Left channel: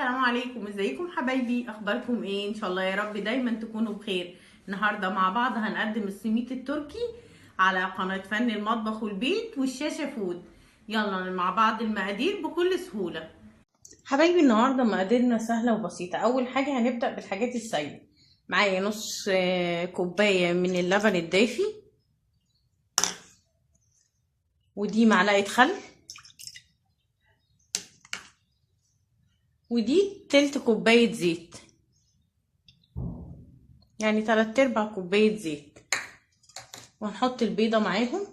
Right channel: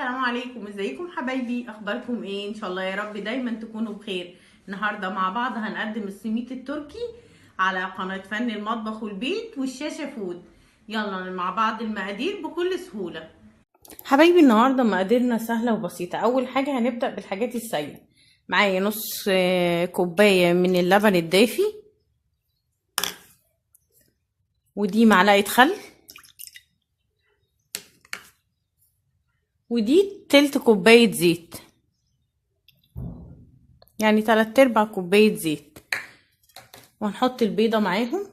السلام عليكم، ازيكم حبايبي؟ اخباركم ايه؟ ان شاء الله يا رب دايما تكونوا بخير. النهارده مع بعض هنقدم السميت التركي على قناة فن المطبخ والبيت والشاشة فود. يلا مع بعض المقادير بكل سهولة. حبايبي النهارده مقاديرنا سهلة وبسيطة. اول حاجة هنبدأ بالحاجات السهلة. معايا نص كوباية من اللبن الدافي، ودي معلقة خل، ودي تلت كوباية زيت، يعني 3/4 كوباية زيت. وهنحط البيضة معاهم،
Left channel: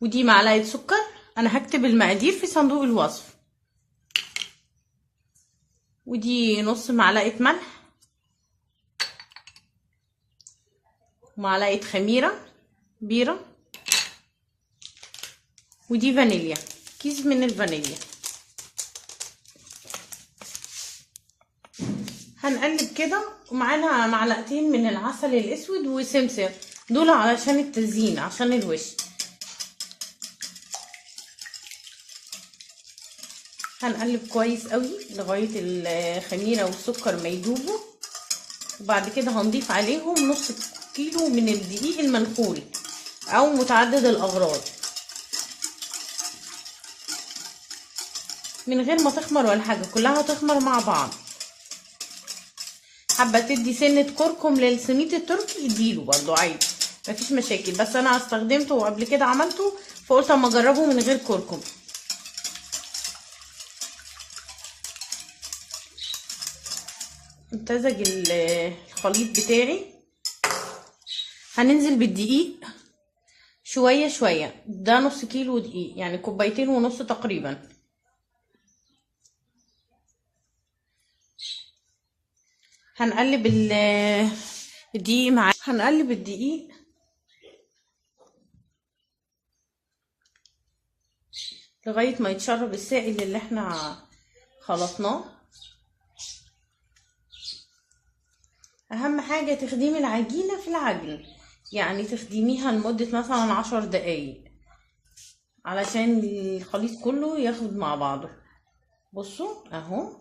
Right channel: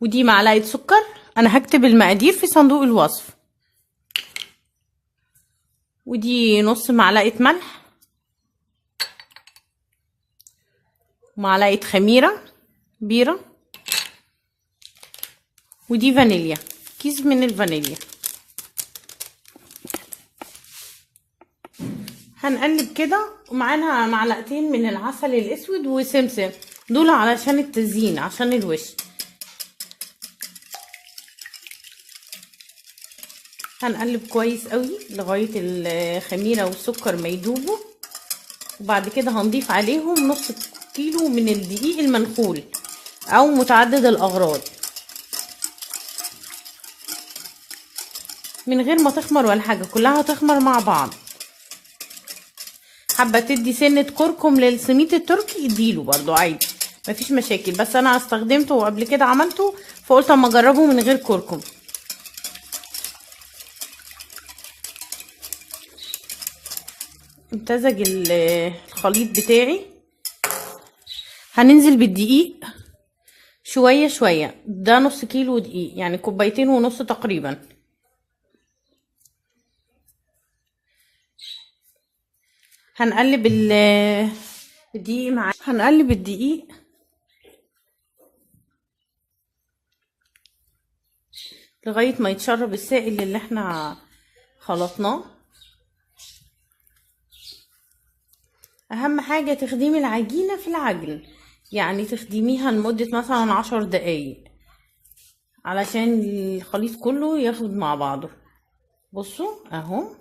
ودي معلقة سكر. انا هكتب المقادير في صندوق الوصف. ودي نص معلقة ملح، ومعلقة خميرة بيرة، ودي فانيليا، كيس من الفانيليا. هنقلب كده، ومعانا معلقتين من العسل الاسود وسمسم، دول علشان التزيين عشان الوش. هنقلب كويس قوي لغاية الخميرة والسكر ما يدوبوا، وبعد كده هنضيف عليهم نص كيلو من الدقيق المنخول او متعدد الاغراض، من غير ما تخمر ولا حاجة، كلها هتخمر مع بعض. حابة تدي سنة كركم للسميت التركي اديله برضو عادي، مفيش مشاكل، بس انا استخدمته وقبل كده عملته فقلت اما اجربه من غير كركم. امتزج الخليط بتاعي. هننزل بالدقيق شوية شوية، ده نص كيلو دقيق، يعني كوبايتين ونص تقريبا. هنقلب الدقيق معاه، هنقلب الدقيق لغاية ما يتشرب السائل اللي احنا خلطناه. اهم حاجة تخدمي العجينة في العجن، يعني تخدميها لمدة مثلا 10 دقايق علشان الخليط كله ياخد مع بعضه. بصوا اهو،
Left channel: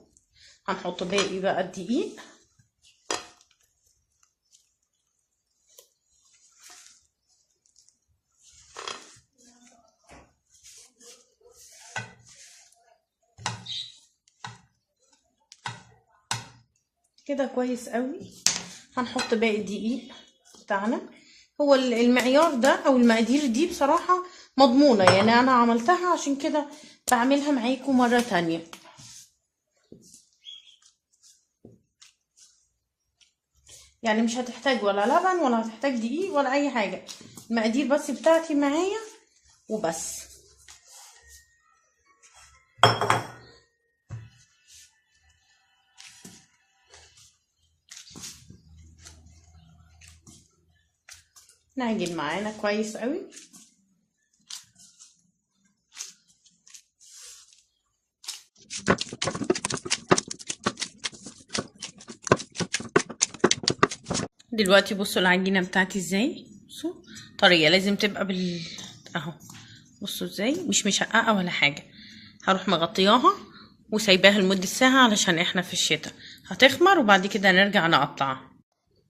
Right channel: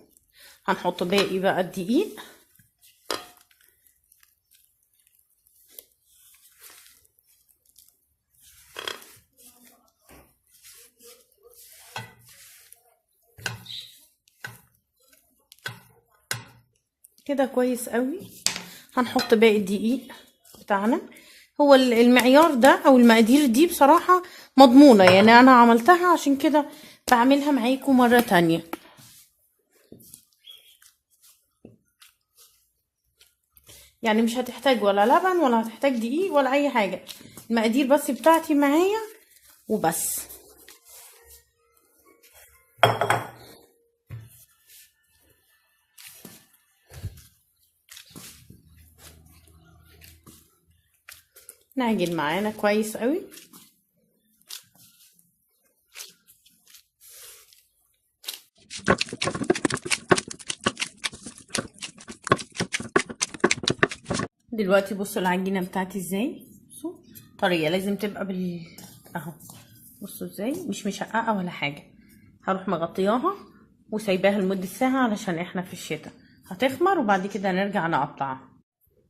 هنحط باقي بقى الدقيق. كده كويس قوي. هنحط باقي الدقيق بتاعنا. هو المعيار ده او المقادير دي بصراحة مضمونة، يعني انا عملتها عشان كده بعملها معاكم مرة تانية. يعني مش هتحتاج ولا لبن ولا هتحتاج دقيق ولا اي حاجة، المقادير بس بتاعتي معايا وبس. نعجن معانا كويس قوي. دلوقتي بصوا العجينة بتاعتي ازاي، بصوا طرية، لازم تبقى اهو، بصوا ازاي مش مشققة ولا حاجة. هروح مغطياها وسايباها لمدة ساعة علشان احنا في الشتاء، هتخمر وبعد كده نرجع نقطعها.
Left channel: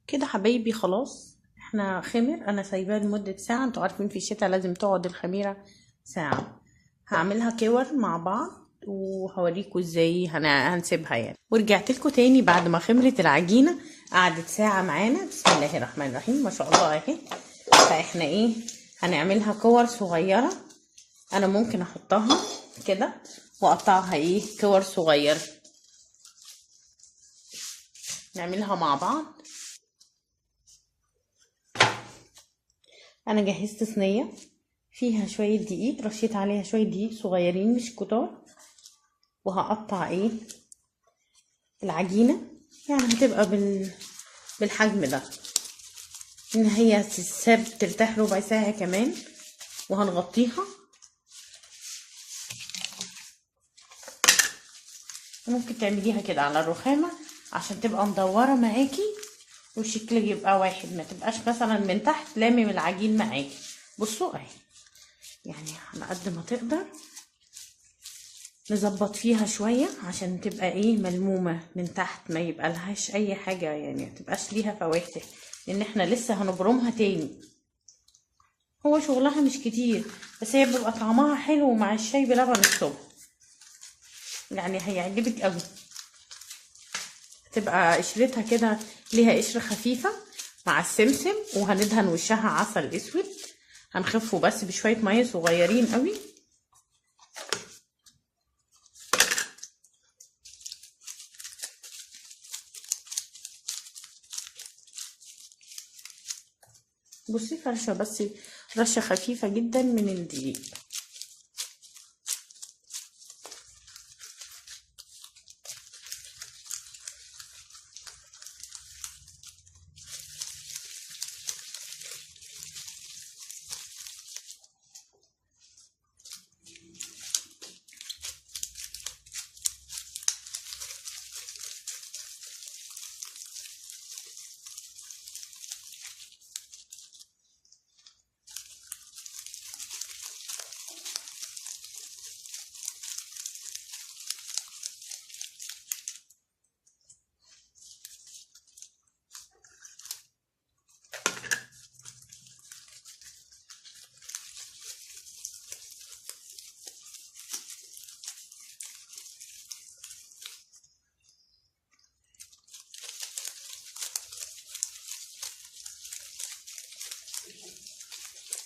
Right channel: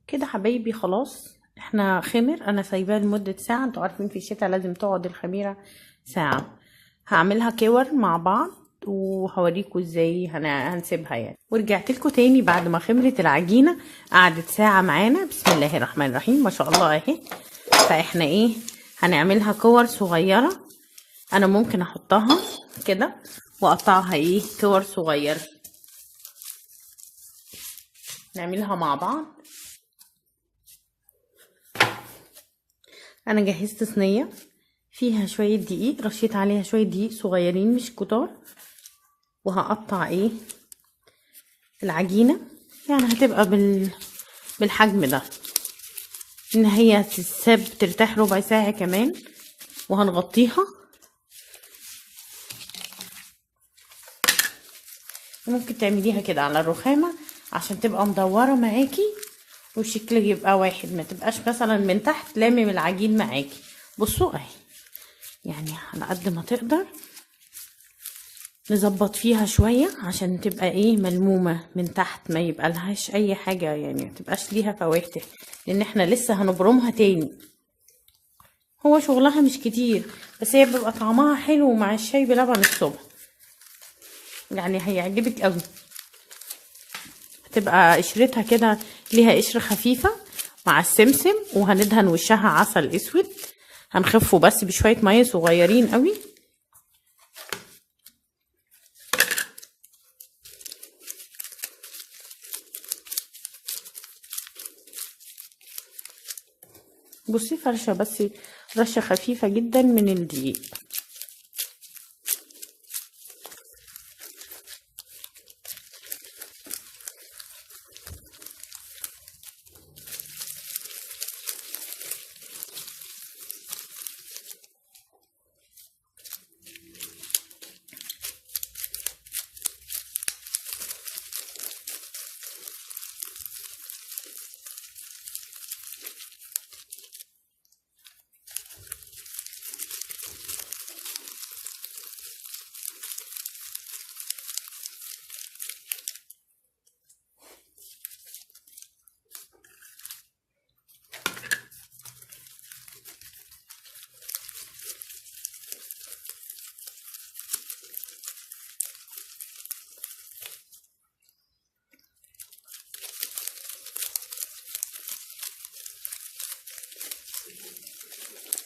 كده حبايبي خلاص احنا خمر، انا سايباها لمدة ساعة، انتوا عارفين في الشتاء لازم تقعد الخميرة ساعة. هعملها كور مع بعض وهوريكم ازاي هنسيبها يعني. ورجعت لكم تاني بعد ما خمرت العجينة، قعدت ساعة معانا. بسم الله الرحمن الرحيم، ما شاء الله اهي. فاحنا ايه، هنعملها كور صغيرة. انا ممكن احطها كده واقطعها ايه كور صغيرة، نعملها مع بعض. انا جهزت صينية فيها شوية دقيق، رشيت عليها شوية دقيق صغيرين مش كتار، وهقطع ايه العجينة، يعني هتبقى بالحجم ده، ان هي تتساب ترتاح ربع ساعة كمان. وهنغطيها، ممكن تعمليها كده على الرخامة عشان تبقى مدورة معاكي والشكل يبقى واحد، ما تبقاش مثلا من تحت لامم العجين معاكي. بصوا اهي، يعني على قد ما تقدر نظبط فيها شوية عشان تبقى ايه ملمومة من تحت، ما يبقى لهاش اي حاجة يعني، ما تبقاش ليها فواتح، لان احنا لسه هنبرمها تاني. هو شغلها مش كتير، بس هي بيبقى طعمها حلو مع الشاي بلبن الصبح، يعني هيعجبك قوي. هتبقى قشرتها كده ليها قشر خفيفة مع السمسم، وهندهن وشها عسل اسود، هنخفه بس بشوية مية صغيرين قوي. بصي فرشة بس رشة خفيفة جدا من الدقيق.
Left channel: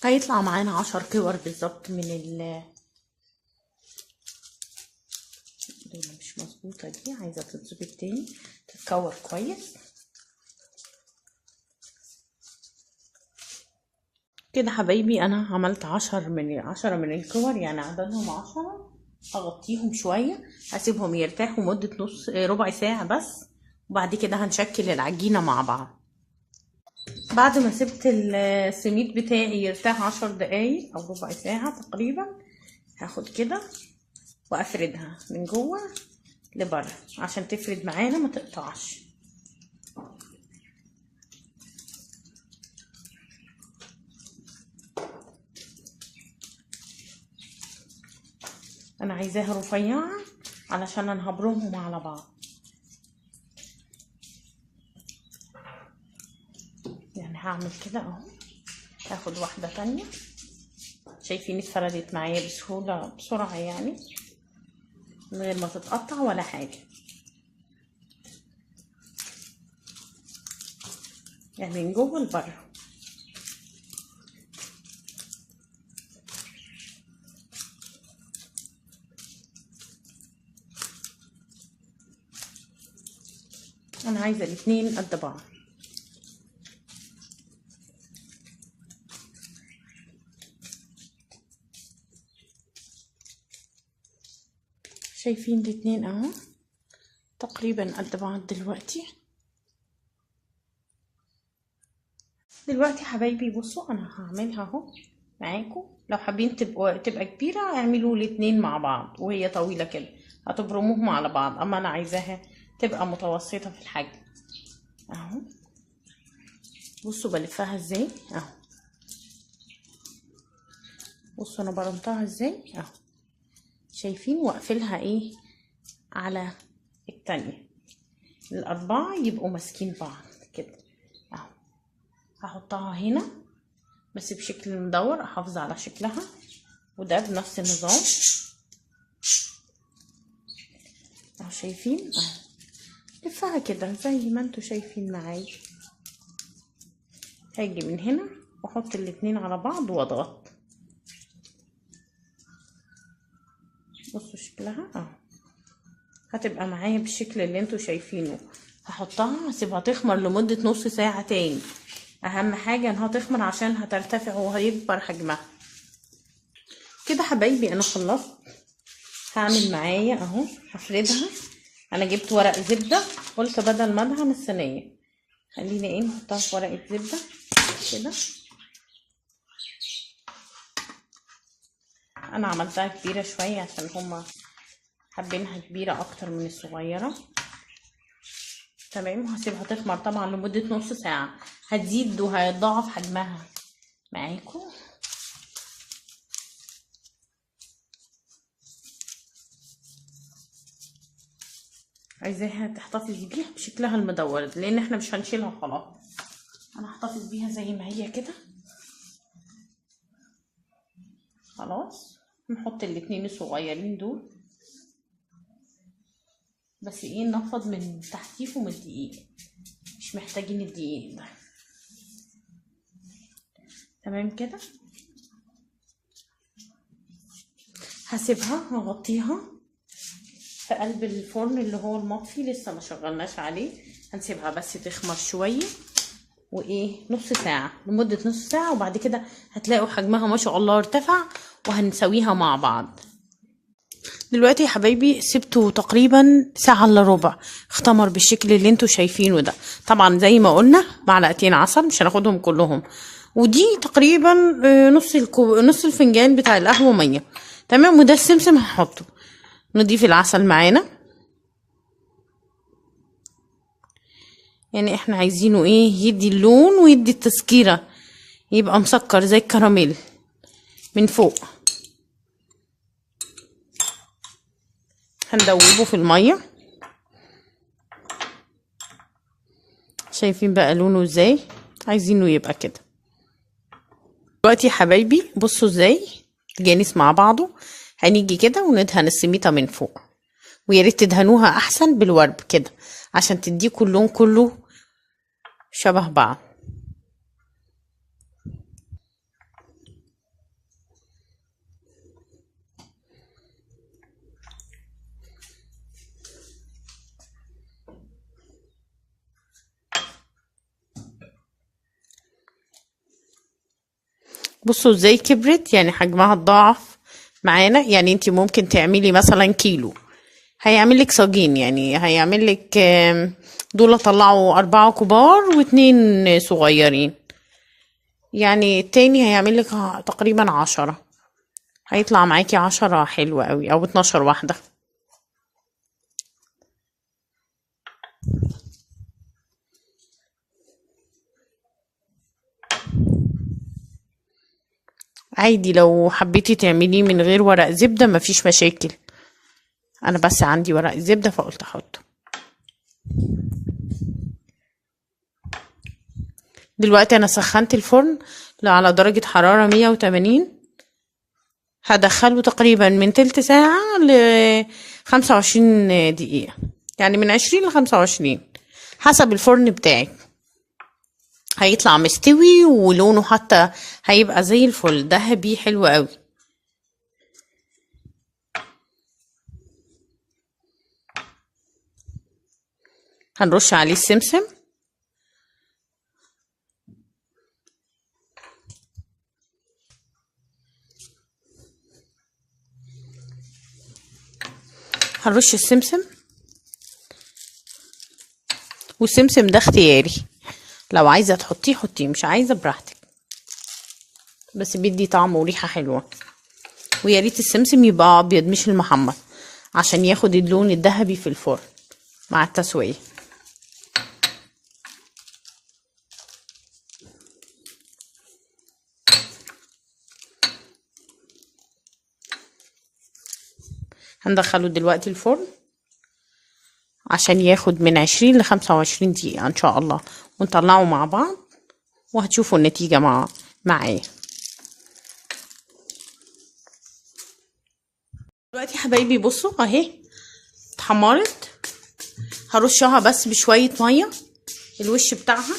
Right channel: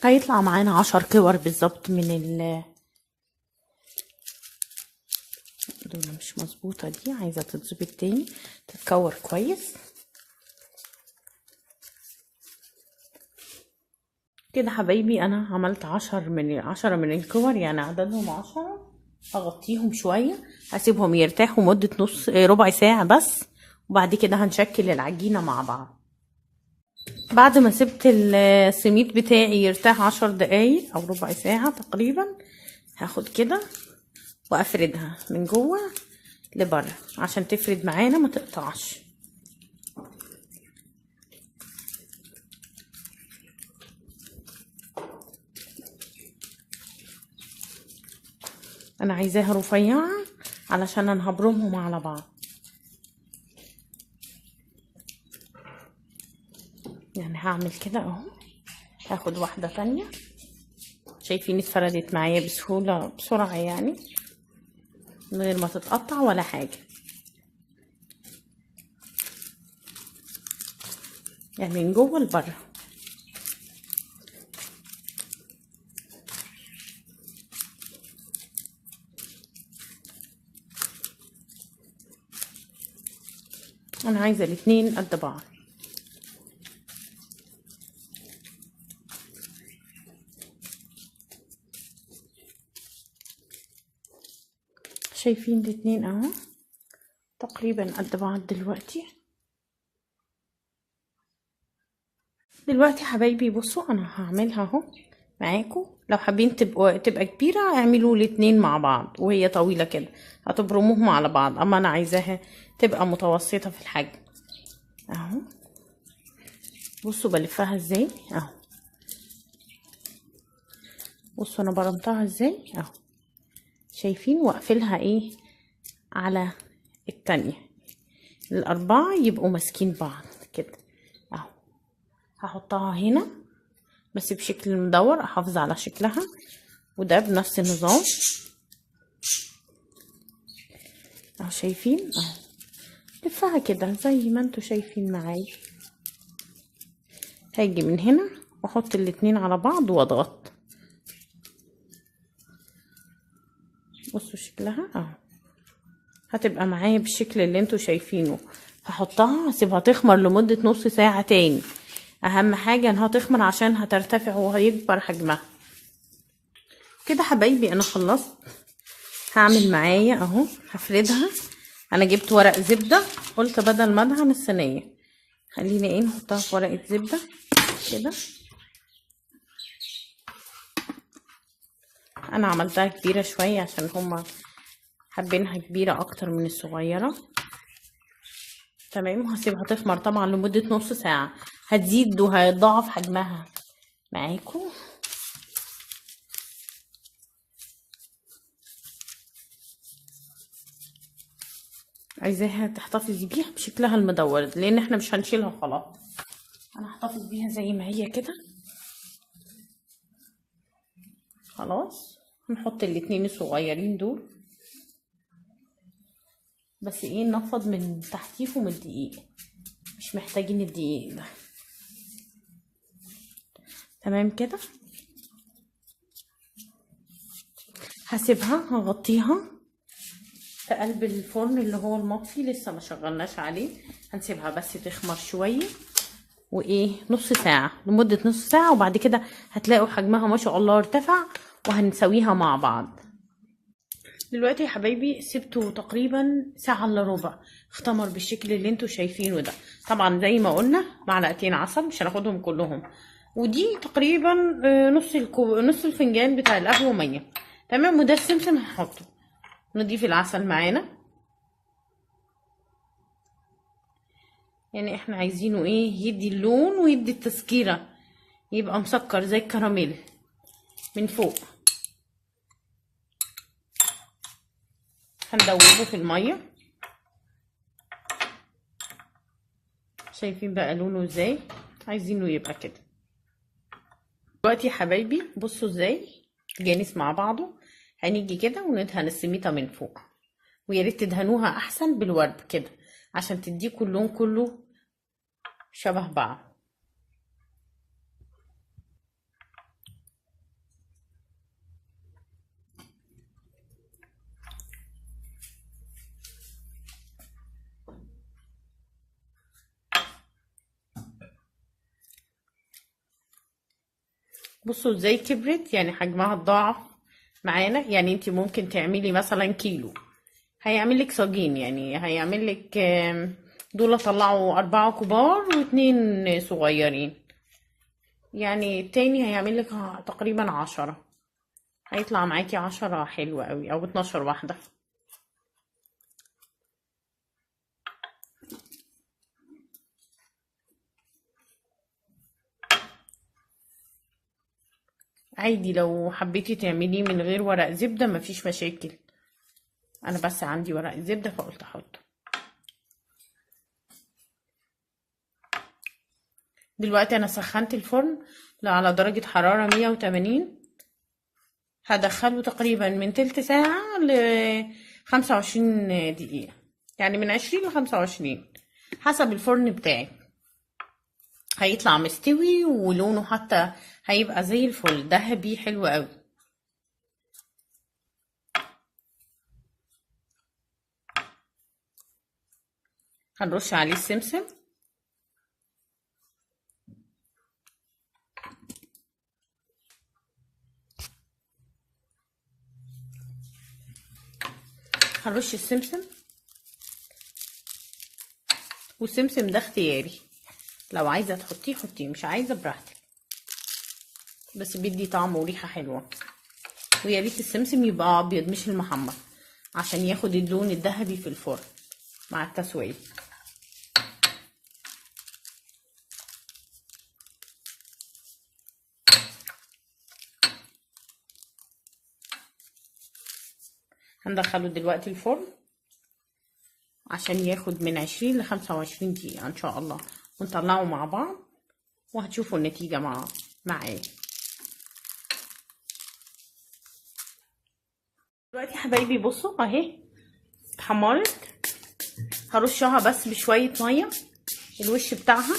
هيطلع معانا 10 كور بالظبط من دول مش مظبوطة، دي عايزة تتظبط تاني، تتكور كويس كده. حبايبي انا عملت 10 من الكور، يعني عددهم 10. هغطيهم شوية، هسيبهم يرتاحوا مدة ربع ساعة بس، وبعد كده هنشكل العجينة مع بعض. بعد ما سبت السميد بتاعي يرتاح 10 دقايق او ربع ساعة تقريبا، هاخد كده وافردها من جوه لبره عشان تفرد معانا ما تقطعش. انا عايزاها رفيعة علشان انا هبرمهم على بعض، يعني هعمل كده اهو. هاخد واحدة تانية، شايفين اتفردت معايا بسهولة بسرعة يعني، من غير ما تتقطع ولا حاجة، يعني من جوه لبره. انا عايزة الاتنين قد بعض. شايفين الاتنين اهو تقريبا قد بعض. دلوقتي حبايبي بصوا انا هعملها اهو معاكم. لو حابين تبقى كبيرة اعملوا الاتنين مع بعض، وهي طويلة كده هتبرموهم على بعض، اما انا عايزاها تبقى متوسطة في الحجم اهو. بصوا بلفها ازاي اهو، بصوا انا برمتها ازاي اهو، شايفين؟ واقفلها ايه على التانية، الاربعة يبقوا ماسكين بعض كده اهو. هحطها هنا بس بشكل مدور، احافظ على شكلها، وده بنفس النظام اهو. شايفين اهو، لفها كده زي ما انتوا شايفين معايا. هاجي من هنا واحط الاتنين على بعض واضغط، بصوا شكلها اهو، هتبقى معايا بالشكل اللي انتوا شايفينه. هحطها هسيبها تخمر لمدة نص ساعة تاني، اهم حاجة انها تخمر عشان هترتفع وهيكبر حجمها. كده حبايبي انا خلصت. هعمل معايا اهو، هفردها. انا جبت ورق زبدة، قلت بدل ما ادهن الصينية خلينا ايه نحطها في ورقة زبدة كده. انا عملتها كبيرة شوية عشان هما حابينها كبيرة اكتر من الصغيرة. تمام، وهسيبها تخمر طبعا لمدة نص ساعة، هتزيد وهيضاعف حجمها معاكم. عايزاها تحتفظي بيها بشكلها المدور، لان احنا مش هنشيلها خلاص. انا هحتفظ بيها زي ما هي كده. خلاص نحط الاتنين الصغيرين دول، بس ايه نفض من تحتيهم الدقيق، مش محتاجين الدقيق ده. تمام كده. هسيبها هغطيها في قلب الفرن اللي هو المطفي، لسه ما شغلناش عليه. هنسيبها بس تخمر شويه، وايه نص ساعه، لمده نص ساعه، وبعد كده هتلاقوا حجمها ما شاء الله ارتفع، وهنسويها مع بعض. دلوقتي يا حبايبي سبته تقريبا ساعه الا ربع، اختمر بالشكل اللي انتوا شايفينه ده. طبعا زي ما قلنا معلقتين عسل، مش هناخدهم كلهم، ودي تقريبا نص الفنجان بتاع القهوه ميه. تمام. وده السمسم هنحطه، نضيف العسل معانا. يعني احنا عايزينه ايه يدي اللون ويدي التسكيرة، يبقى مسكر زي الكراميل من فوق. هندوبه في المية. شايفين بقى لونه ازاي؟ عايزينه يبقى كده. دلوقتي يا حبايبي بصوا ازاي جانس مع بعضه. هنيجي كده وندهن السميطة من فوق، ويا ريت تدهنوها احسن بالورب كده عشان تديكوا اللون كله شبه بعض. بصوا ازاي كبرت، يعني حجمها اتضاعف معانا. يعني انت ممكن تعملي مثلا كيلو، هيعمل لك صاجين، يعني هيعمل لك دول طلعوا 4 كبار و2 صغيرين، يعني التاني هيعمل لك تقريبا 10. هيطلع معاكي 10 حلوة قوي، او 12 واحدة. عادي لو حبيتي تعمليه من غير ورق زبدة مفيش مشاكل، انا بس عندي ورق زبدة فقلت احطه. دلوقتي انا سخنت الفرن على درجة حرارة 180. هدخله تقريبا من تلت ساعة ل25 دقيقة، يعني من 20 ل25 حسب الفرن بتاعك. هيطلع مستوي ولونه حتى هيبقى زي الفل، ذهبي حلو قوي. هنرش عليه السمسم. هنرش السمسم، والسمسم ده اختياري، لو عايزه تحطيه حطيه، مش عايزه براحتك، بس بيدي طعم وريحه حلوه. ويا ريت السمسم يبقى ابيض مش المحمر، عشان ياخد اللون الذهبي في الفرن مع التسويه. هندخله دلوقتي الفرن عشان ياخد من 20 ل25 دقيقة ان شاء الله، ونطلعه مع بعض وهتشوفوا النتيجة معايا. دلوقتي يا حبايبي بصوا اهي اتحمرت. هرشها بس بشوية مية الوش بتاعها،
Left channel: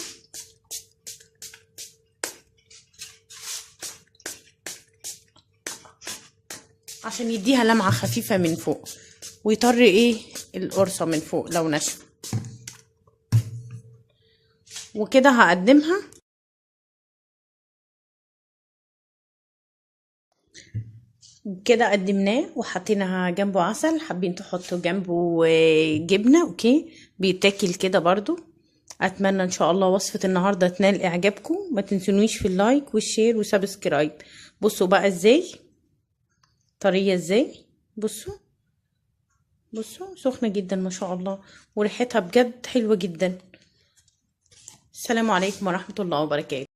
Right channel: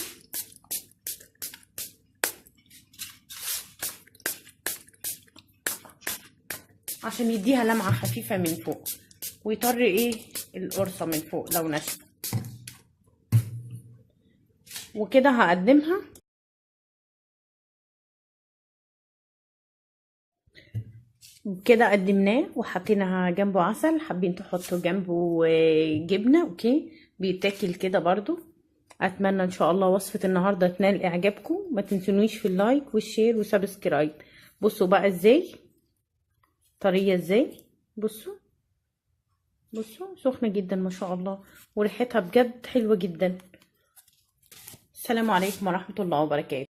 عشان يديها لمعة خفيفة من فوق، ويطر ايه القرصة من فوق لو نشف. وكده هقدمها. كده قدمناه وحطينا جنبه عسل، حابين تحطوا جنبه جبنة اوكي، بيتاكل كده برضو. اتمنى ان شاء الله وصفة النهاردة تنال اعجابكم، ما تنسونيش في اللايك والشير وسبسكرايب. بصوا بقى ازاي طرية ازاي، بصوا سخنة جدا ما شاء الله، وريحتها بجد حلوة جدا. السلام عليكم ورحمة الله وبركاته.